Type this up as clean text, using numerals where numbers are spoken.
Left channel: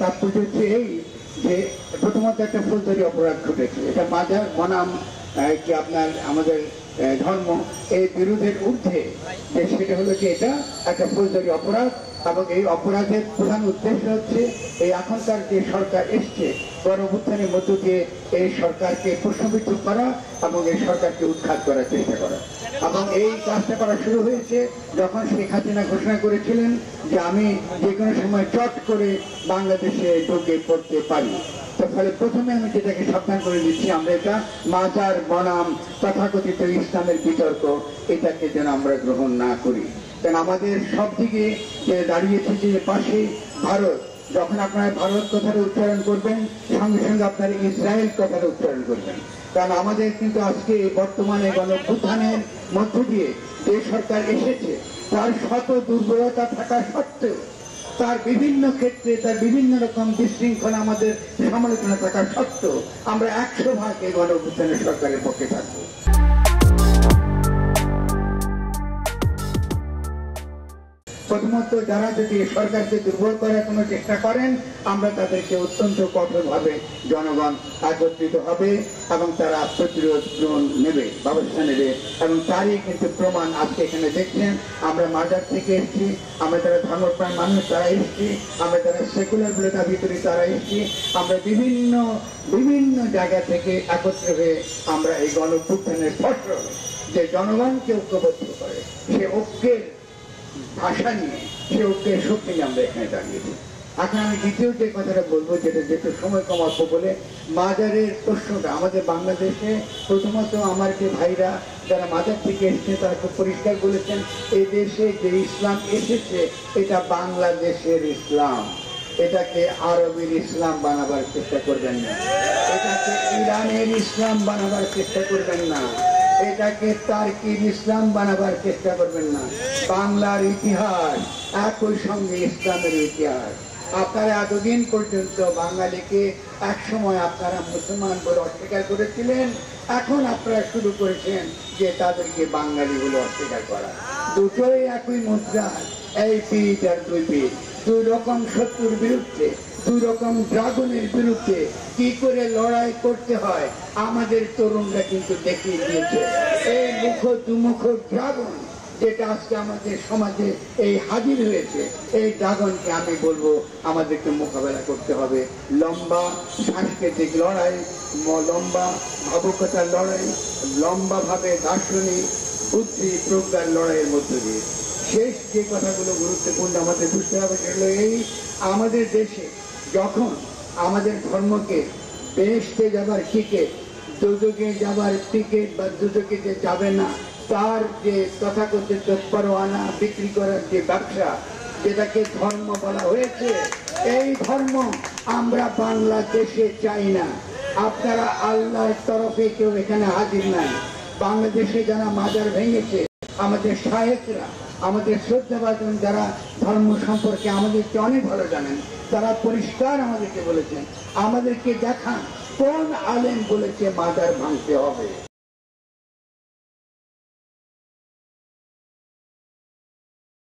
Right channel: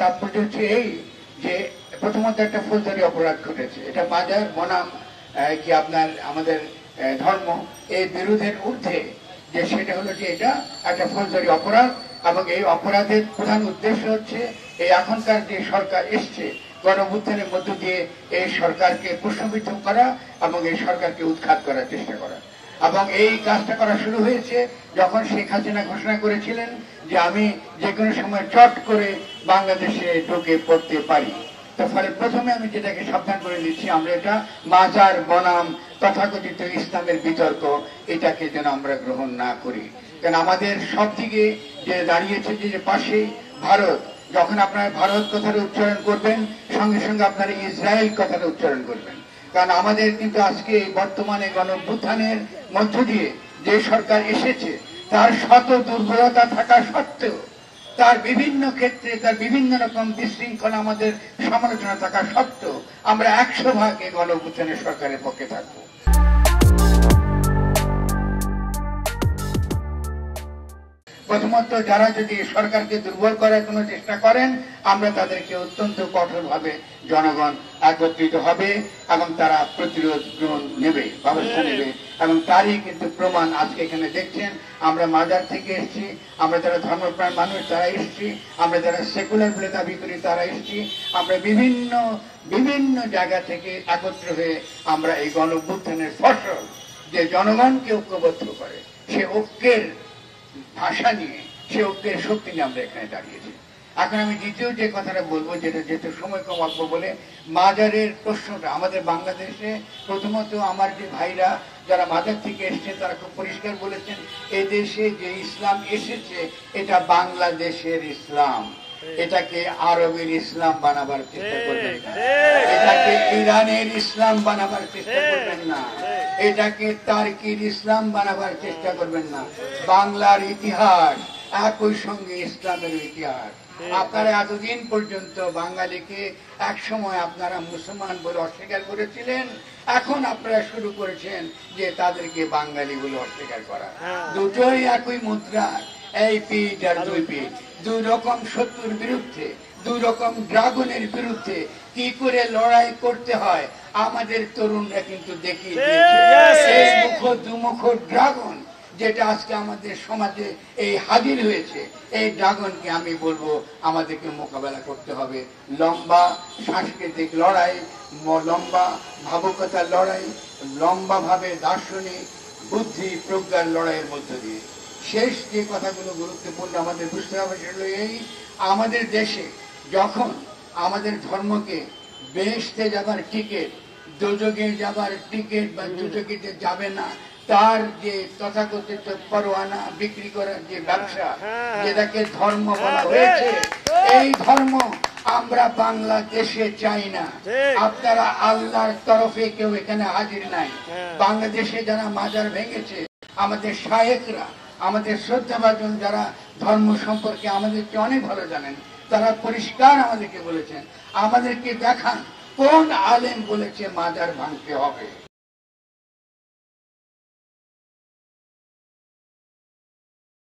তাৎপর্য হচ্ছে এই যে প্রথমত একটা ফৌজদারি অপরাধ ঘটেছে, এটা মাজার বনাম কি আপনার আমাদের ধর্ম এই বিরোধের ঊর্ধ্বে, যে সেটা হলো যে এটা একটা ফৌজদারি অপরাধ। এবং এই অপরাধের প্রধান উদ্দেশ্য হচ্ছে এই এখনকার যে সরকার এসছে গণঅভ্যুত্থানের মধ্য দিয়ে এই সরকারকে প্রশ্নবিদ্ধ করা এবং এই সরকারকে উৎখাত করার চেষ্টা করা। এবং এই কাজটা করা শুরু হয়েছে যখন শেখ হাসিনা ঘোষণা করেছিলেন যে আমি যে কোনো সময় চট করে বাংলাদেশে ঢুকে পড়তে পারি। তো ফলে প্রথমে আমি যেটাকে সাবধান করে দিচ্ছি, আমরা এটা মাজার বনাম তথাকথিত ইসলামের বিতর্ক, এটাকে যেন আমরা গ্রহণ না করি। কারণ আমাদের সব দিকে যে দাঁড়িয়েছে যে পাশে ভারত, যখন আপনারা ভারত কথাটা উচ্চারণ করবেন সঙ্গে সঙ্গে আপনারা ইসরায়েল কথাটা উচ্চারণ করবেন। কারণ আমাদের কিন্তু আজকে বর্তমানে গণঅভ্যুত্থানের মধ্য দিয়ে যে সরকার এসেছে তার শত দুর্বলতা থাকা সত্ত্বেও, তার বিভিন্ন ক্ষেত্রে তার বিভিন্ন রকম বিশৃঙ্খলা আমাদের সমালোচনা থাকা সত্ত্বেও আমরা 100% এই গণঅভ্যুত্থানের সরকারের পক্ষে থাকবো। প্রথমত যারা যদি সরকারকে দুর্বল করার কোনো চেষ্টা করেন, আমরা তাদেরকে অত্যন্ত কঠোরভাবে জনগণ একত্রিত হবে এবং তারা প্রতিরোধ গ্রহণ নেবে, ব্যবস্থা নেবে। এবং তারই কিন্তু প্রমাণ আজকে এখানে দেখছেন। আমরা মাজার থেকে এসেছি, আমরা যারা ধর্মপ্রাণ মানুষ তারা এসেছি, আমরা যারা সেকুলার বলে দাবি করি তারা এসেছি, আমরা বিভিন্ন বিভিন্ন জায়গা থেকে একত্র হয়ে আমরা এই গণঅভ্যুত্থানের ফসল যে জনগণকে ঐক্যবদ্ধ করে, সে ঐক্যের ভাষা নিয়ে, সে ঐক্যের শক্তি নিয়ে আমরা এখানে দাঁড়িয়েছি। এখন আমি দ্বিতীয় যে কথাটা বলবো, যেটা যেহেতু সময় কম অল্প বলে, মাজারের প্রশ্নটা আমাদের বাংলাদেশে প্রথমত আমার যে ভাইরা যারা মাজার থেকে এসেছেন তারা খুব পরিষ্কার বলেছেন, এই দেশে যে ইসলাম এসেছে এটা বাংলাদেশের ইসলাম, এটাকে আরবের ইসলাম বানাবার চেষ্টা করবেন না, এটাকে ইরানের ইসলাম বানাবার চেষ্টা করবেন না, এটাকে টার্কির ইসলাম বানাবার চেষ্টা করবেন না। বাংলার ইতিহাস একই সঙ্গে ইসলামের ইতিহাস। আপনারা এতদিন পর্যন্ত বাঙালিকে একসময় আপনারা মুসলমান বলে অস্বীকার করেছিলেন, এখন আপনারা শুরু করেছেন যে তাদেরকে বাঙালি বলে অস্বীকার করা। দুটোই একই মুদ্রা, এই পিঠ আর দুই পিঠ, দুই রকম শত্রুর বিরুদ্ধে, দুই রকম ড্রাগনের বিরুদ্ধে কি করে লড়াই করতে হয় আমাদের তরুণরা কিন্তু দেখিয়ে দিয়েছে। এই দুমুখ ড্রাগন যেটা আজকে আমাদের সমাজে এই হাজির হয়েছে, এই ড্রাগনকে আমি বলবো আমাদেরকে মোকাবেলা করতে হবে লম্বা সাংস্কৃতিক লড়াই, লম্বা ভাবুকতার লড়াই, লম্বা ভাবে দার্শনিক বুদ্ধি প্রজ্ঞার লড়াইয়ের মধ্য দিয়ে। শেষ যে কথাগুলো গুরুত্বপূর্ণ আমাদের বুঝতে হবে সেগুলো এই, আমাদের দেশে যখন আমাদের ধর্মকে বেহেশতে যাবার টিকিট, দোজখে যাবার টিকিট বা দোজখে যে যাবে না তার যে তথাকথিত পরোয়ানা বিক্রি করার যে ব্যবসা, যেটাকে ধর্ম বলা হয়েছে, এই ধর্ম আমরা বাংলাদেশে চাই না। আপনারা আল্লাহর তরফে কেউ এখানে হাজির নাই। বাংলাদেশে যারা মাজার ভেঙেছে, আমাদের শায়েখরা, আমাদের শ্রদ্ধাভাজন যারা ধর্ম সম্পর্কে আমাদেরকে অনেক ভালো জানেন, তারা পরিষ্কার আমাদেরকে বলেছেন, আমাদেরকে দেখান কোন আলেম বলেছে মাজার ভাঙতে হবে।